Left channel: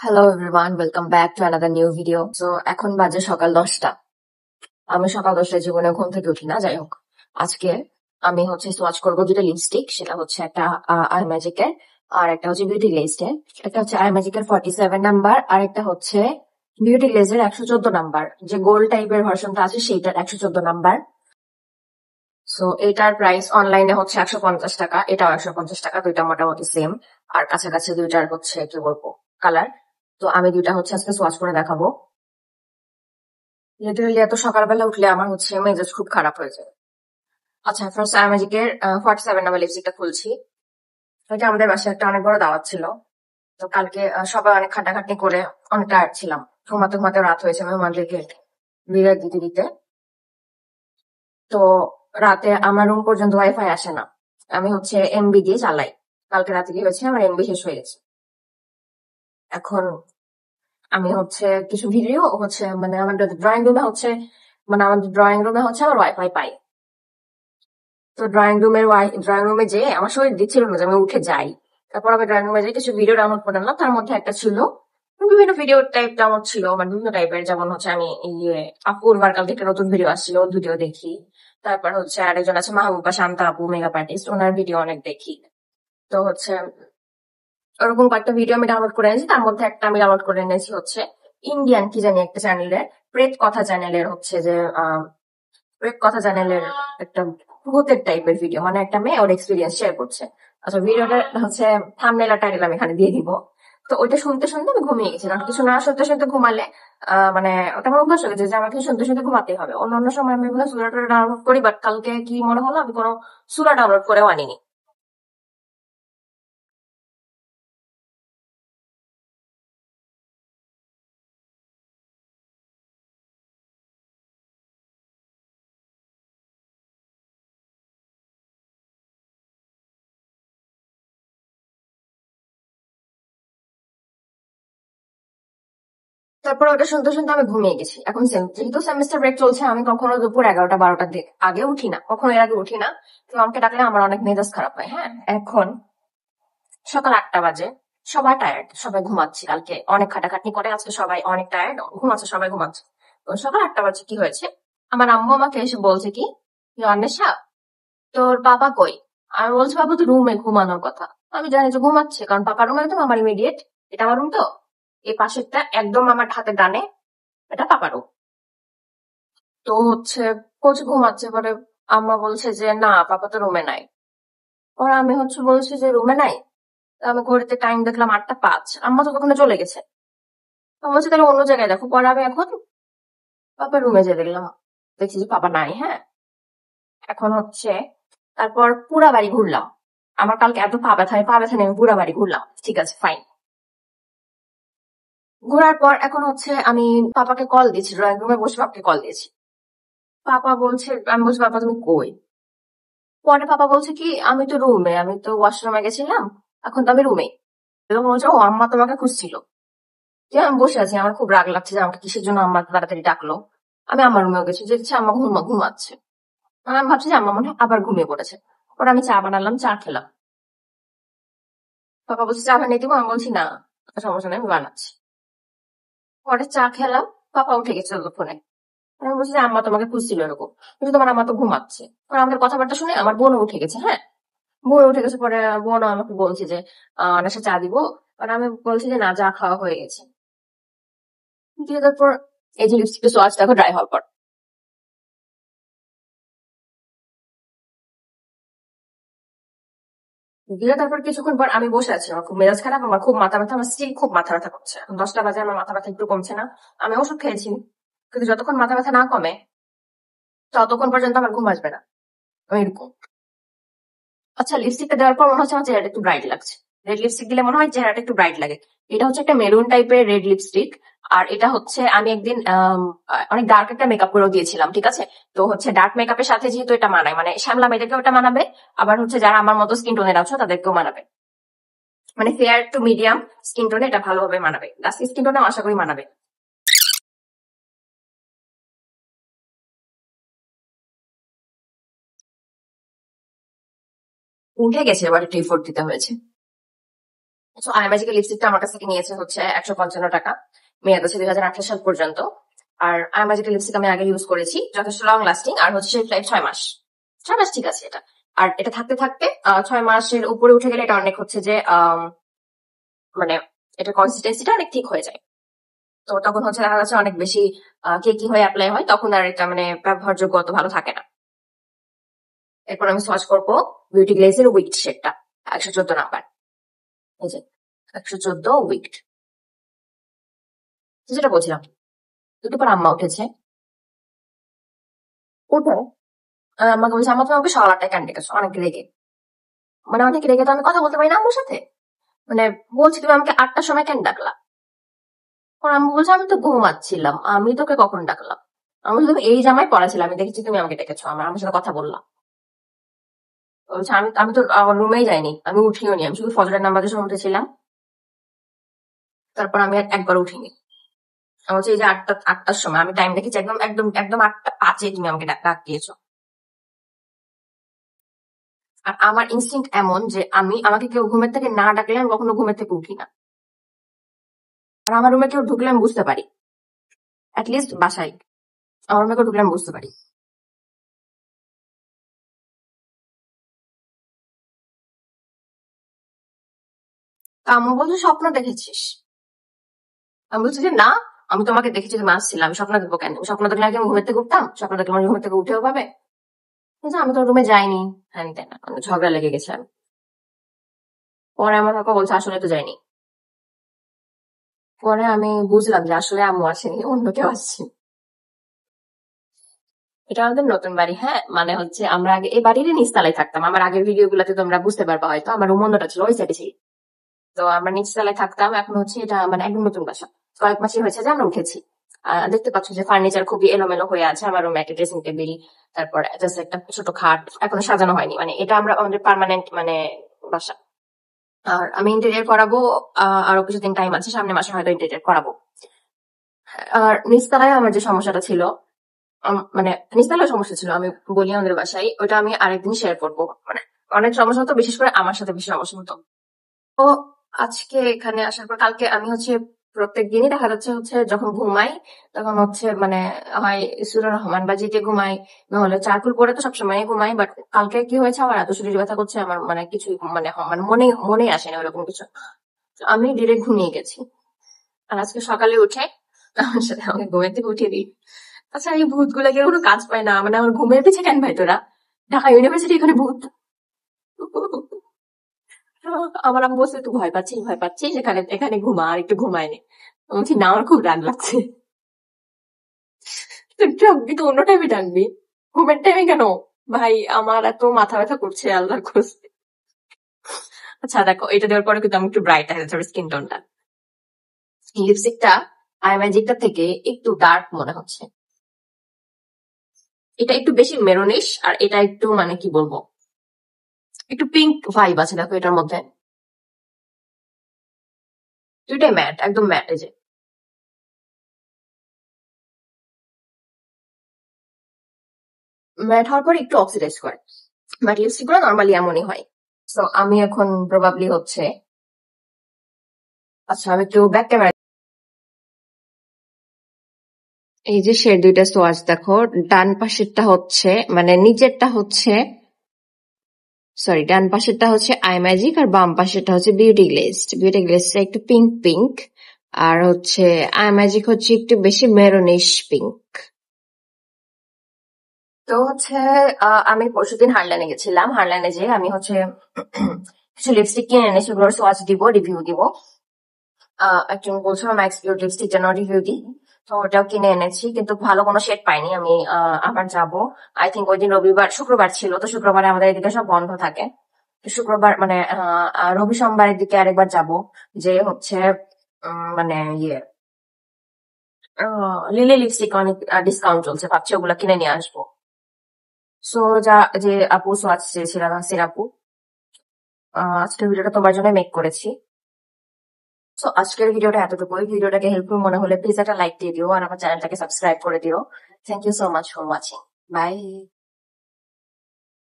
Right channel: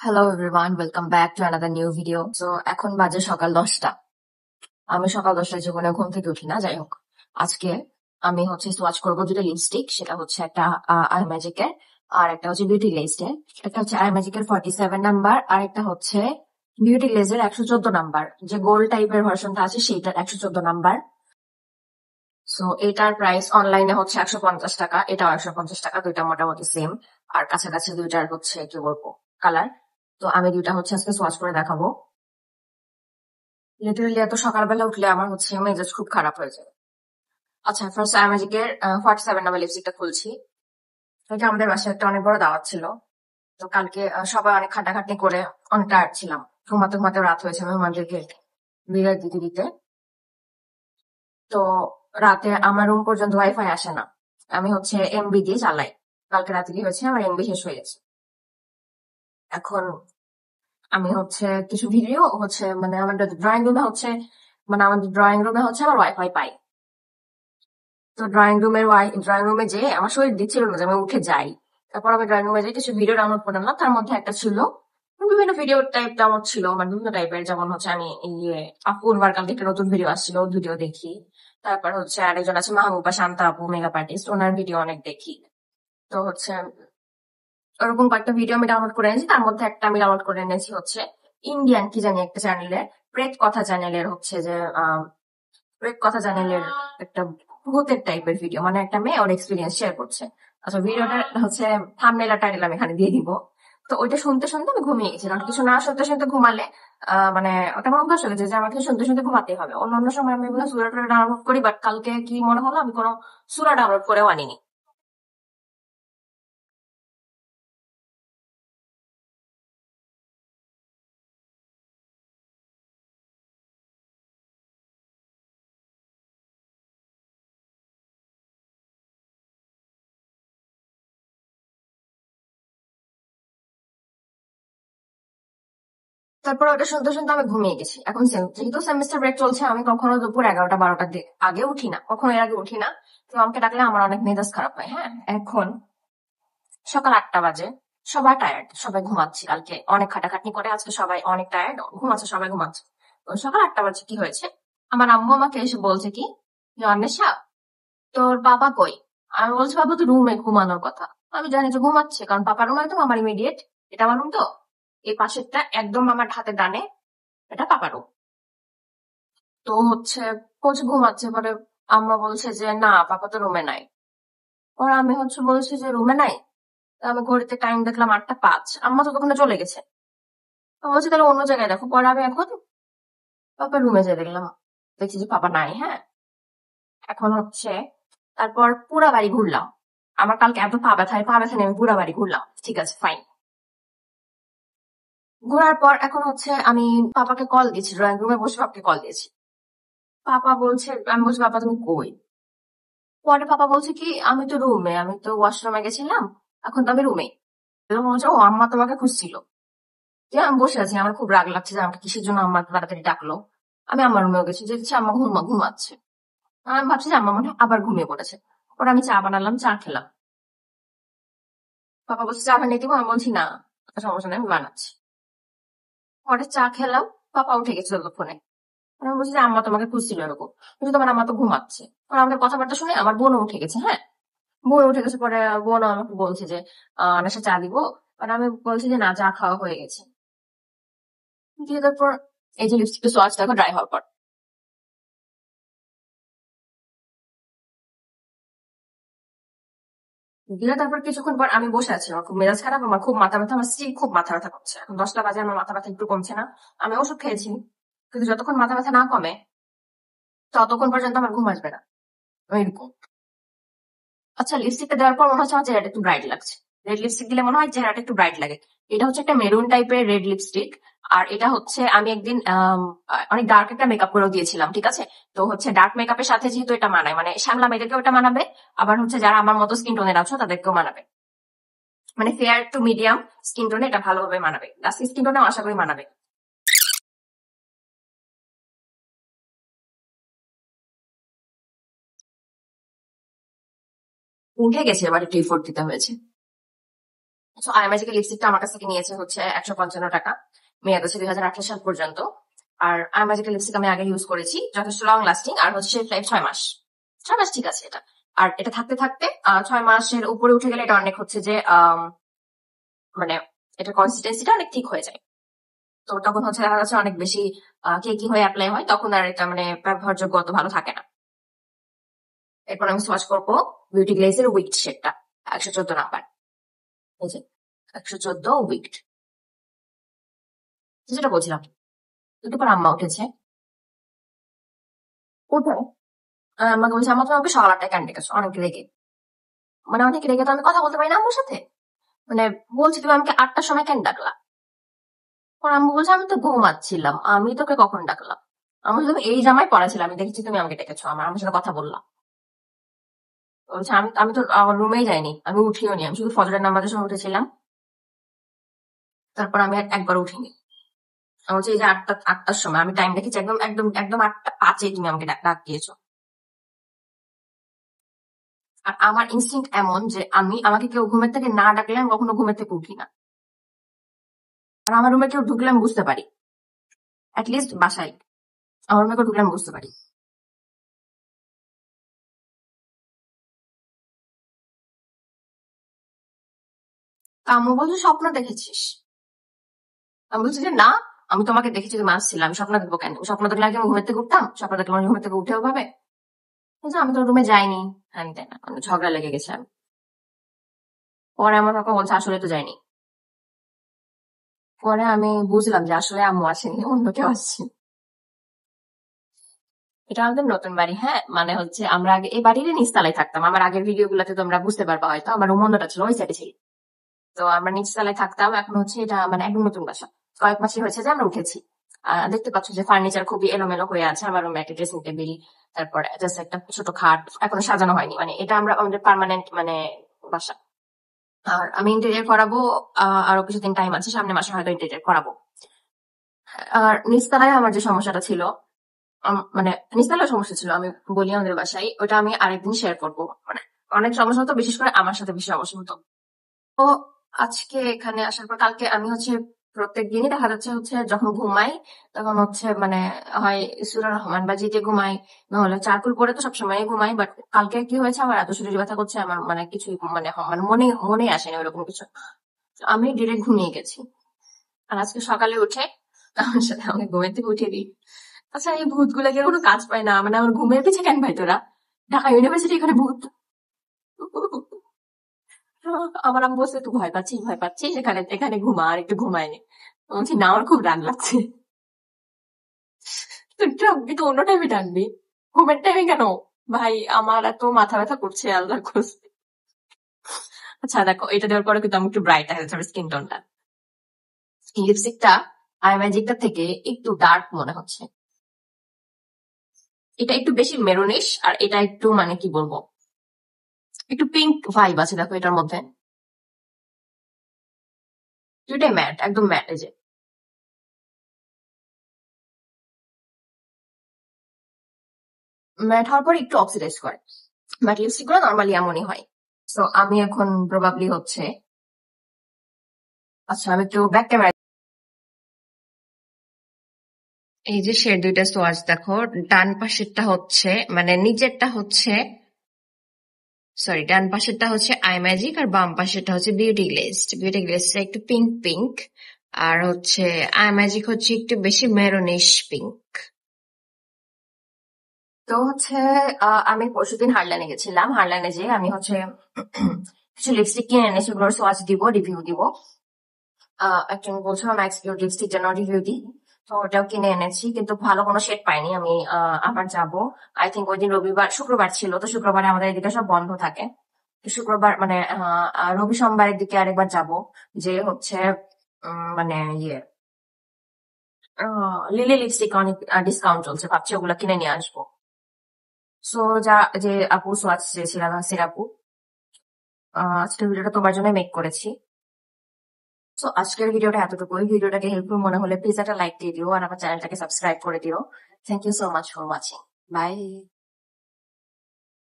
Hello everyone, welcome back to another new video. তো এখন বাজে সকাল 10টা। আমি সকাল 10টায় জীবনে ঘুম থেকে উঠি না। যাই হোক, আজকে আমি সোয়াচ করবো দুটো লিপস্টিক। সেটা হচ্ছে একটা আই ম্যাজিকের, আর একটা হচ্ছে বিউটি গ্লেজের। একটা হচ্ছে আই ম্যাজিকের 47 নাম্বার, আর একটা হচ্ছে বিউটি গ্লেজের 114 নাম্বার, যে গোল্ড টাইপের ভার্সনটা আছে সেইটার 114 নাম্বার। সো এটার প্রাইস অনলাইনে হচ্ছে 150 টাকা, এটাও 150 টাকা, দুইটা মোটামুটি সেম। আর কাছাকাছি দুইটার হচ্ছে কি বলবো কালার। তো আমি দুইটা আজকে সোয়াচ করে দেখাবো। লিটারালি এত সকালবেলা উঠলে আমার মেজাজ খুব খারাপ হয়ে যায়। আচ্ছা, ফার্স্ট আই ম্যাজিকের 47 নাম্বার লিপস্টিকটা খুলছি। এটা আমাদের বাসায় একটা অনেক বড় দাওয়াত ছিল। তো কালকে সবাই অনেক খাটাখাটনি করে অনেক টায়ার্ড ছিলাম। ঘুমাতে ঘুমাতে রাত হয়েছে মেহমানদেরকে বিদায় দিতে দিতে। তো রাতে আমার রুম পর্যন্ত ওয়াইফাই আসে না। আমি এমবি দিয়ে চালাই। কালকে রাতে কি হয়েছে, আমার এমবি শেষ হয়ে গেছে। এখন আমি কিছু ভিডিও মানে আমাদের ড্রয়িং রুমে আমার ওয়াইফাই পাই। তো ড্রয়িং রুমে যেয়ে আমার শরীর দিচ্ছিল না যে আমি উঠে যাই। তারপর আমি ড্রয়িং রুমে যেয়ে কিছু ভিডিও ডাউনলোড করে নিলাম। তার মধ্যে একটা ছিল বিভিন্ন ভিডিও টাইপ ডাউনলোড ছিল, মানে বিভিন্ন টাইপের। যেমন আমি আপুর কালকে একটা নতুন ভিডিও আসছিল, ওর ভিডিও দেখি। তারপর আরেকজন আছে মাহবুবা শান্তা আপু, মেকআপ আর্টিস্ট, ওনার ভিডিও অনেক দেখি। তো ওরকম কয়েকটা ভিডিও আমি ডাউনলোড করে এনেছি। তার মধ্যে একটা আমি ডাউনলোড করে এনেছি ইন্ডিয়ান কি জানি একটা চ্যানেলের, প্রেত কথা চ্যানেলের প্রেত কথা চ্যানেলের একটা ভূতের টাইপের ভিডিও, মানে একটা মেয়ে ওর এক্সপিরিয়েন্স শেয়ার করছে। আচ্ছা, ভিডিওটা থাম্বনেল আর টাইটেল আমি এখানে দিয়ে দিব। তো ওইটা শুনতে শুনতে আমি ঘুমিয়ে গেছি, কারণ কিছু না শুনতে শুনতে ঘুমালে মানে ওটা আমার অভ্যাস হয়ে গেছে যে আমাকে শুনতে শুনতে ঘুমাতেই হবে। অন্যান্য সময় আমি এগুলো সুরা টুরা ডাউনলোড করি, বাট কালকে কি মনে হলো আমি কোনো সুরা ডাউনলোড করেও আনিনি। তারপর ওটা শুনতে শুনতে আমি ঘুমিয়ে গেছি। এখন যেহেতু সেমিস্টার ব্রেক চলছে, আমি কখনো দুপুর 11টা 12টার দিকে আগে উঠি না, কখনো এর আগে উঠি না। তো আমাকে ডাকলে আমার অনেক মেজাজ খারাপ হয়। হ্যাঁ, এখন সকাল 8টা বাজে। সবাই টায়ার্ড, সবাই ঘুমাচ্ছে। কালকে অনেক খাটাখাটনি করে আজকে সবাই অনেক টায়ার্ড, ঘুমাচ্ছে, সবাই ঘুমাচ্ছে। তো সকাল 8টা বাজে কি হয়েছে, আমার আম্মু আমাকে এসে বলছে কি যে, অন্বেষা, তোর বাবা কই? আমি বলছি, বাবা তো রুমে ঘুমানোর কথা। আমি জানি যে ঘুমাচ্ছে, কারণ পাপার রুমে তো আমার ইমিডিয়েট, এটা আমার রুম তো, এই পাশেরটা একদম আমার হাতের ডানে, এটা পাপার room। তো কোচ ঘুমাচ্ছে। পরে আম্মা বলছে যে না, পাপা তো রুমে নাই। পরে আমি বলছি যে রুমে নাই। তো আমি ঘড়িতে টাইম দেখলাম 8টা 5, আম্মা তো তখন চলে গেছে। তো আমি বলছি তাহলে অন্য জায়গায় দেখো। পরে আমি এখন পাপার রুমে যেয়ে দেখলাম, দেখছি যে পাপা নাই। হ্যাঁ, এখন তারপর পুরা বাড়ি ঘুরলাম। আমার কালকে এত পা ব্যথা নিয়ে আমি পুরা বাড়ি ঘুরলাম। ঠিক আছে, ফাইন। ঘোরার পর এখন আমি পাপাকে কল দিয়েছি, ড্রয়িং রুমে বসে পাপাকে কল দিয়েছি। পাপা বলছে, আমি বলছি পাপা তুমি কই? পরে পাপা বলছে কি, আমি তো রুমে, আমি তো ওয়াশরুমে গেছিলাম, এখন তো আমি রুমে। বলছে ও আম্মা তোমাকে খুঁজছিল। যে আমি বসে আছি, আমার খুব রাগ লাগছে যে আমাকে কিসের জন্য আম্মা এত তাড়াতাড়ি ডাকলো। আমি আমার রুমেও গেছি, যে দেখছি আম্মা ঘুমাচ্ছে। আর আমি ভাবছি যে আম্মা মনে হয় আবার ঘুমিয়ে পড়েছে। পরে আমি চা বানালাম, চা খেলাম। পাপা বলছে চা বানিয়ে দিব, আমি বলছি না, সমস্যা নেই, আমি বানাচ্ছি। পরে চা খেলাম। পাপা উঠে গেছে ততক্ষণে। আমি বলছি যে আম্মা তোমাকে খুঁজছিল এরকম, কিন্তু তোমার আম্মা তো ঘুমাচ্ছে। কারণ আমাদের কথাবার্তা শুনে আমার বোনও উঠে গেছে। হ্যাঁ, বোন উঠে গেছে। পরে বোন আমাকে বলছে যে আনাসা চা দিব। আর আমি বলছি যে না, চা খাওয়া হয়ে গেছে। দিয়ে তারপর এই যে লিপস্টিকটা সোয়াচ দেখো ড্রাই হওয়ার পর। দিয়ে তারপর কিছুক্ষণ পর আমি বসে আছি, আমার খুব মেজাজ খারাপ, আমার খুব মাথা ব্যথা, আমার স্ত্রী খুব মাথা ব্যথা করছে। এখন 10টা বাজে, আমার মাথা ব্যথা একটু কমছে না। আমি ওষুধ খেয়েছি, কিন্তু যতক্ষণ মাথা ব্যথা না কমে ততক্ষণ পর্যন্ত আমার ঘুম আসবে না। আমি এরকম। আচ্ছা, লিপস্টিকটা দেওয়ার পর মনে হচ্ছে আমার চেহারাটা একটু ব্রাইট লাগছে। রেড লিপস্টিক দিলে মনে হয় চেহারাটা একটু ব্রাইট লাগে। এটা একটা মেরুন টাইপের রেড লিপস্টিক। আর এটা আমি একদিন অনেক ডার্ক একটা মেকআপ করেও দিয়েছিলাম, ঠিক আছে? তো ডার্ক মেকআপের সাথে যেহেতু এটা মানায়, মানে শ্যামলা মেয়েদেরকেও এটা মানাবে। আবার যারা আমার মতো স্কিন টোনের আছো তাদেরকেও মানাবে। মানে ফেয়ার টু মিডিয়াম স্কিন টোনে এটা ভালোভাবে মানাবে, ডাস্কি স্কিন টোনেও আশা করি মানাবে। উঠে গেছে, এবার একটু এফোর্ট দিতে হয়েছে। সো আইম্যাজিকের লিপস্টিকটা আমার কাছ থেকে নিয়েছে হচ্ছে 155 টাকা, মেয়াদ আছে 2018 সাল পর্যন্ত। আর আইম্যাজিকের লিপস্টিক আমি আগে ইউজ করেছি, যথেষ্ট লং লাস্টিং, আর হচ্ছে শেলফ লাইফ 6 মাস। 6 মাস ঠিক আছে এটা। আর এটা থাকতে থাকতে 6 মাসের উপরে উঠে গেলে এটা অনেক হচ্ছে যে মানে এটার কনসিস্টেন্সিটা অনেক ঠিক হয়ে যায়। তো তখন হচ্ছে দেখা যাচ্ছে অনেক বেশি কেকি হয়ে অ্যাপ্লাই হয়, তখন আর এটা মানে ব্যবহারযোগ্য অত ভালো থাকে না। এরপর আমি সোয়াচ করবো বিউটি গ্লেজের উইকড শেডটা, 114 নাম্বার। এই যে 114 উইকড, যেটা বলছিলাম। একটু পর আম্মা উঠেছে, উঠে আমাকে বলছে, আম্মা তুমি আমাকে সকাল 8টায় কেন ডেকেছো? অনেক রেগে, মানে অনেক রেগে তো আমি কথা বলতে পারি না আম্মুর সাথে। মানে বলছি তুমি আমাকে 8টার সময় কেন ডাকলা? পর আম্মু বলছে আমি তো ঘুমাচ্ছিলাম, আমি তোকে কখন ডাকলাম? আমি বলছি, তুমি এই জামাই পড়া ছিল, আমি দেখেছি তুমি আমাকে ডেকেছো, আমার সাথে কথা বললাম। বলছে আমি আমি তো রুমেই যাইনি, আমি উঠিও নি, আমি শুধু ফজরের নামাজের সময় উঠেছিলাম, তারপর আমি আর একবার উঠিনি। আমি বলছি এই যে 8টার সময় আমি টাইম দেখেছি, একদম একদম একদম 8টা 5-এ তুমি আমাকে ডাক দিয়েছো। আর আমার ইনস্টিংক্ট এমন যে আমাকে কেউ ঘুমের থেকে না ডাকলে আমি কখনো ঘুমের থেকে উঠি না। আর আমার রুমে কেউ ঢুকলে আমি বুঝতে পারি, লিস্ট বাসায় আমার রুমে কেউ ঢুকলে আমি বুঝতে পারি। তা আম্মু বলছে স্বপ্ন দেখেছিস? আমি বলছি যে না, আমি তোমাকে দেখেছি তুমি আসছিলে, আমি স্বপ্ন দেখবো কেন? স্বপ্ন দেখলে আগে আমি ঘুমের থেকে উঠতাম? স্বপ্ন দেখলে আমি ঘুমের থেকে উঠেও পাবে? কিন্তু আমি তো রুমে যাইনি, হ্যান তেন, আমি ঝগড়া লেগে গেছে। আমি পরে আমার বাবা বলছে আসলে তো যাইনি। পরে আমি বুঝলাম যে আসলে আম্মু আসেনি, অন্য কেউ আসছে। এটা আমাদের নতুন বাড়ি, হ্যাঁ, মানে হচ্ছে আমরা আগে এই বাড়িরই নিচতলায় থাকতাম। আমার আগের ভিডিও গুলাতে তোমরা বুঝতে পারবা হয়তো, আমার রুম অন্যটা ছিল, ওই সাইডে ছিল। তো আমরা নিচতলায় থাকতাম, এখন হচ্ছে এটা মানে একদম নতুন বাসা। কয়েক মাসই হয়েছে যে আমরা উঠেছি। দেখতে পাচ্ছ যে ফার্নিচার খুবই এলোমেলো হয়ে আছে। আমার রুমে একটা ড্রেসিং টেবিল, তারপর জাস্ট একটা ছোট খাট, এখনো সাজানো হয়নি, মানে এটা আমরা আমাদের পার্মানেন্ট মানে বাসা। আর আমি ইন্টেরিয়র করাবো, আরো কিছুদিন টাইম আছে, সামনে মাসে হয়তো ইন্টেরিয়র করাবো। আর নিচতলায় আমার যে সমস্যাটা ছিল, মানে নিচতলায় সমস্যা ছিল, আমি বলি আমাদের বাসায়, ওটা আমি আরেকদিন শেয়ার করবো। মানে অনেক সমস্যা হতো, বিশেষ করে আমার সাথে বেশি সমস্যা হতো। তো আজকে এখানে আসার পর কালকে আমি হচ্ছে প্রত্যেক দিনই দেখা যাচ্ছে হচ্ছে যখন ঘুমাই তখন হচ্ছে মানে হয় সূরা রহমান বা জিতে ঘুমাই, নাহলে চারকুল পরে তো সবসময় ঘুমাই। বাট কালকে কি হয়েছে, আমার এত শরীর ব্যথা করছে, আমার মানে কিছু মানে মানে মনে মনে আসেনি ওরকম কিছু। তো আমি ডিরেক্ট ঘুমিয়ে গেছি। আর আজকে সকালে উঠে আমার সাথে আমাকে ঘুমের থেকে উঠিয়ে দিই। আচ্ছা এই ভূত গুলাকে কোনো কাজ পায় না, মানে আমার ঘুমের পিছে কেন ভাই তোরা? ঢাকা ইউনিভার্সিটি এখানে ভূত? আমার আম্মু বলছে তুই ভয় পাচ্ছিস, ভয় পাচ্ছিস, এখানে এখানে ঘুমা, আর একটু ঘুমায় নে। আমি বলছি না, আমার খুব রাগ লাগছে। তুই ডাকবি তো অন্য টাইমে ডাকবি, ঘুমের টাইমে কেন? ভাই আমার এত মাথা ব্যথা করছে, আল্লাহর খোঁজ। আচ্ছা দেখো, এটা দেওয়ার পরে কিন্তু আমি একটু ব্রাইট আছে স্কিন টোনটা। লিপস্টিকটা আই ম্যাজিকটা থেকে একটু ডার্ক মনে হচ্ছে। এটা একটু বেশি মেরুনিশ, আর এটা একটু মানে কি বলবো, একটু পিঙ্ক ভাইব আছে দেখো এটার মধ্যে। দুইটাই ম্যাট, একদম ম্যাট। এই যে ম্যাট হওয়ার পর একটু অক্সিডাইজ করে, বাট লিপস্টিক গুলো নর্মালি এমনই হয়। সো আমি এখন প্রবাবলি হচ্ছে, আচ্ছা আমি একটু ব্যাক ক্যামেরা। এই যে সে দুইটা সোয়াচ দেখো, ডান পাশেরটা হচ্ছে মানে নিচেরটা হচ্ছে, সরি ডান পাশেরটা হচ্ছে আই ম্যাজিক, আর বাম পাশেরটা হচ্ছে বিউটি গ্লেজ। বিউটি গ্লেজটা একটু পিঙ্ক পিঙ্ক, আর হচ্ছে আই ম্যাজিক হচ্ছে একটু বেশি মেরুনিশ পিঙ্ক। তো হচ্ছে আমি পরশুদিন হারলাইনে গেছিলাম, হারলাইনে যে আমি হচ্ছে কিছু লিপস্টিক কিনে এনেছি, সেগুলোর সোয়াচ দিব, রিভিউ দিব। একজন বলছিল ম্যাক্স বিউটি লিপস্টিক যেন রিভিউ দিই, তো ওটাও কিনে এনেছি, কিন্তু ভালো কোনো শেড পাইনি। আমি আবার যাব, আই থিঙ্ক ওই দিন রবিবার শুক্রবার ছিল, তো শুক্রবারে আমাদের এদিকে সব বন্ধ থাকে। তো শুক্রবার মানে রবি সোমবারের দিকে আরেকবার যাব, যে হচ্ছে মানে ইয়ে লিলি লিপস্টিক অনেক ডিসকাউন্ট চলছে, ভাবছি ওগুলা কিনে নিয়ে আসবো। সো যা, যে আপু সোয়াচ চেয়েছিলাম নাসির আপু, আজকের ভিডিওটা তোমার জন্য মেক করেছি। সো আজকের ভিডিওটা এতটুকুই। ভিডিওটাকে হেল্পফুল মনে হলে প্লিজ একটা লাইক দিয়ে দিও, আর আমার চ্যানেলটাকে সাবস্ক্রাইব করে দিও। Thank you so much for watching. By.